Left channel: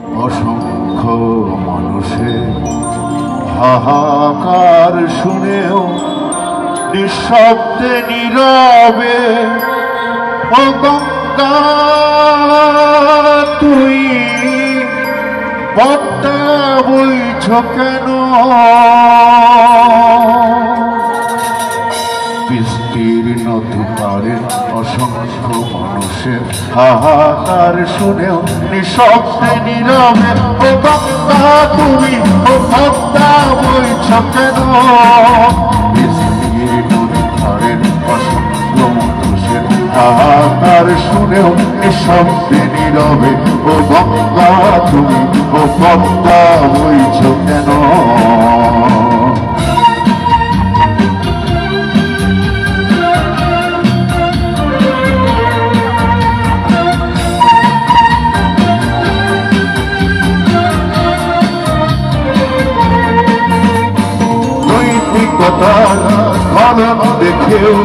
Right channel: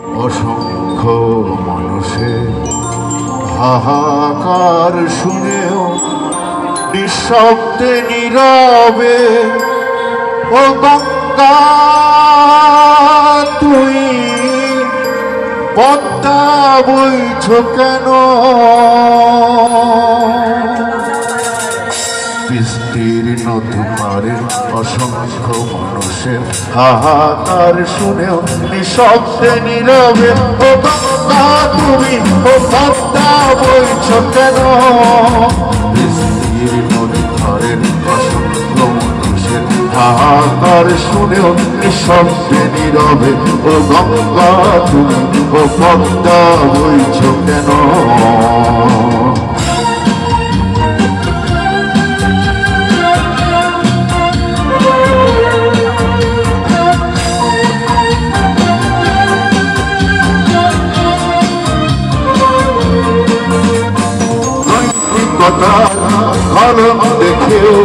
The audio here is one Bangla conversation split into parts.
অসংখ্য মানুষের হাহাকার শুনেও নিঃশব্দে নীরবে ও গঙ্গা তুই পদ্মা বইছ কেন? বিস্তীর্ণ দুপারে অসংখ্য মানুষের হাহাকার শুনেও নিঃশব্দে নীরবে ও গঙ্গা তুমি ও পদ্মা বইছ কেন? বিস্তীর্ণ দুপারের অসংখ্য মানুষের হাহাকার শুনেও নিঃশব্দে নীরবে ও গঙ্গা তুমি ও পদ্মা বইছ কেন? ফলন দেখেও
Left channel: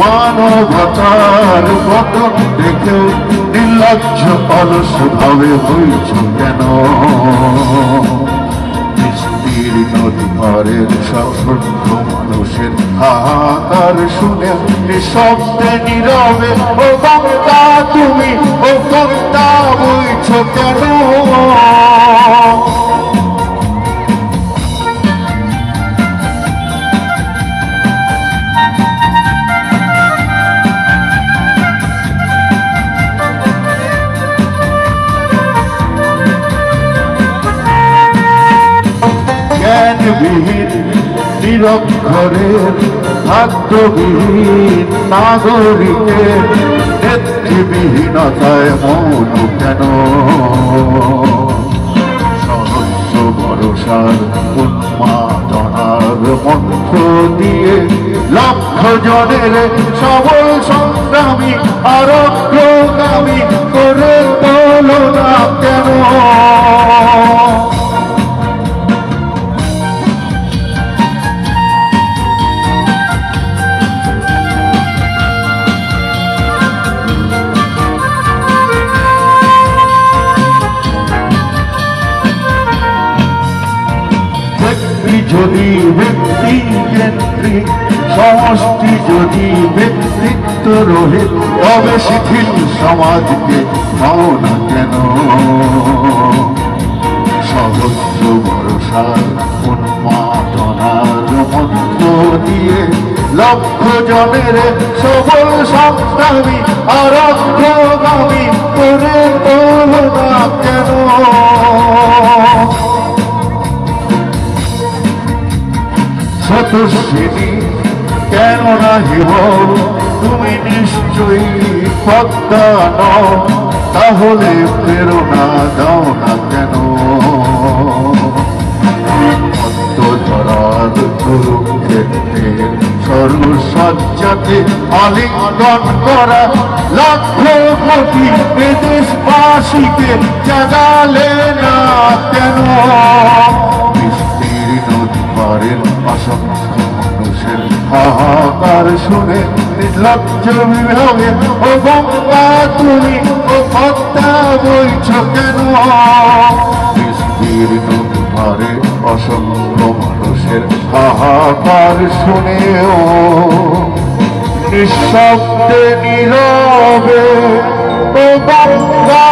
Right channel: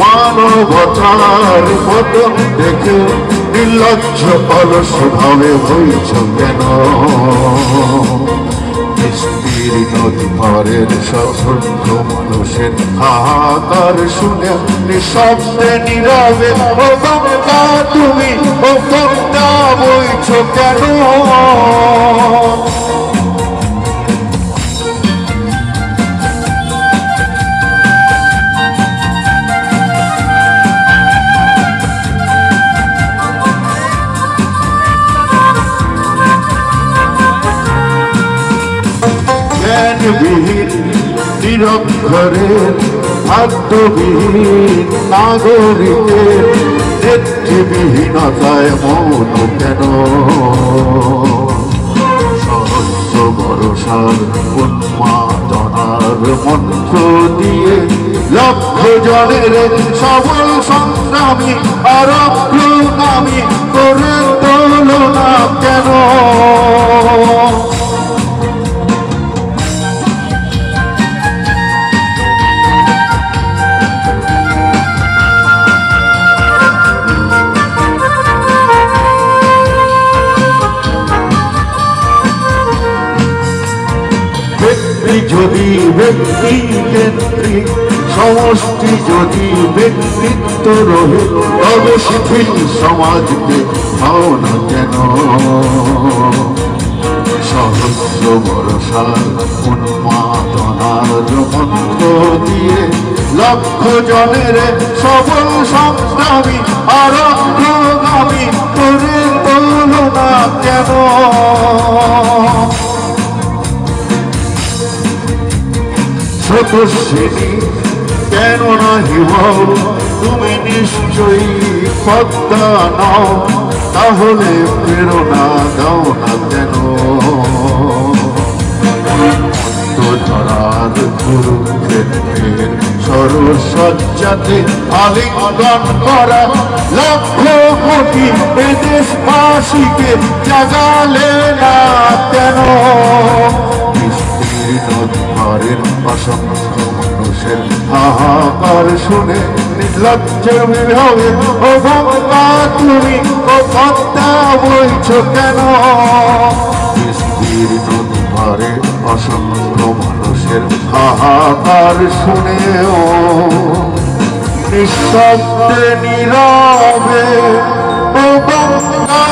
মানবতার পতন দেখেও নির্লজ্জ অলস ভাবে হয়েছ কেন? বিস্তীর্ণ দুপারের অসংখ্য মানুষের হাহাকার শুনে নিঃশব্দে নীরবে ও গঙ্গা তুমি ও পদ্মা বইছ কেন? জ্ঞানবিহীন নিরক্ষরের খাদ্যবিহীন নাগরিকের নেতৃবিহীনতায় মৌন কেন? সহস্র ভরসার উন্মাদনার মন্ত্র দিয়ে লক্ষ জনের সবল সংগ্রামী আর অগ্রগামী করে তোল না কেন? যদি ব্যক্তি কেন্দ্রিক সমষ্টি যদি ব্যক্তিত্ব রহে তবে শিথিল সমাজকে পাও না কেন? সহস্র ভরসার উন্মাদনার মন্ত্র দিয়ে লক্ষ জনের সবল সংগ্রামী আর অগ্রগামী করে তোল না কেন? স্রোতস্বিনী কেন না হিব তুমি নিশ্চয়ই পদ্মা নও, তাহলে প্রেরণা দাও না কেন? ধরার গুরুত্বের সরসজ্জাতে আলিঙ্গন করা লক্ষ কোটি এ দেশবাসীকে জাগালে না কেন? অসংখ্য মানুষের হাহাকার শুনে নির্লজ্জ হবে ও গঙ্গা তুমি ও পদ্মা বইছ কেন? বিস্তীর্ণ দুপারে অসংখ্য মানুষের হাহাকার শুনেও নিঃশব্দে নীরবে ও গঙ্গা